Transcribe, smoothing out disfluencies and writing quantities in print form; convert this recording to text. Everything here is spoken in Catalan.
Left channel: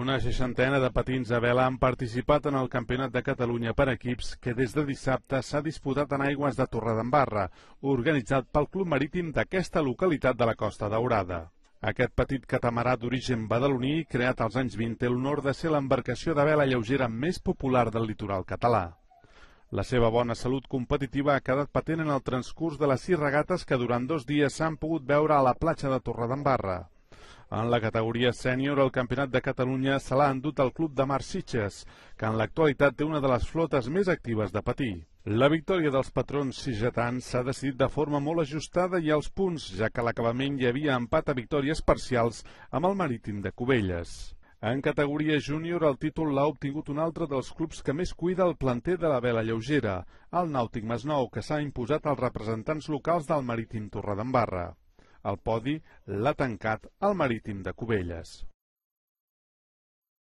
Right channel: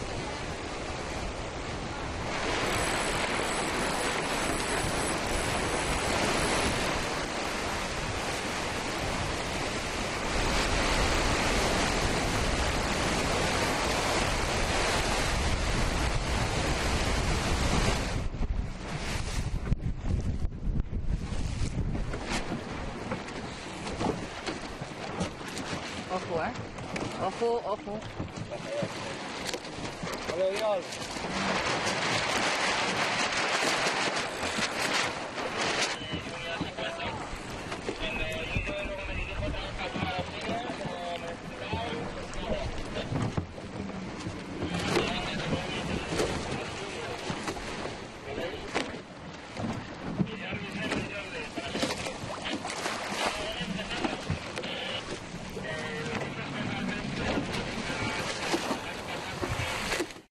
Una seixantena de patins a vela han participat en el Campionat de Catalunya per equips que des de dissabte s'ha disputat en aigües de Torredembarra, organitzat pel Club Marítim d'aquesta localitat de la Costa Daurada. Aquest petit catamarà d'origen badaloní, creat al règim, té l'honor de ser l'embarcació de vela lleugera més popular del litoral català. La seva bona salut competitiva ha quedat patent en el transcurs de les 6 regates que durant 2 dies s'han pogut veure a la platja de Torredembarra. En la categoria sènior, el Campionat de Catalunya se l'ha endut el Club de Mar Sitges, que en l'actualitat té una de les flotes més actives de patí. La victòria dels patrons sitgetans s'ha decidit de forma molt ajustada i als punts, ja que a l'acabament hi havia empat a victòries parcials amb el Marítim de Cubelles. En categoria júnior, el títol l'ha obtingut un altre dels clubs que més cuida el planter de la vela lleugera, el Nàutic Masnou, que s'ha imposat als representants locals del Marítim Torredembarra. El podi l'ha tancat el Marítim de Cubelles.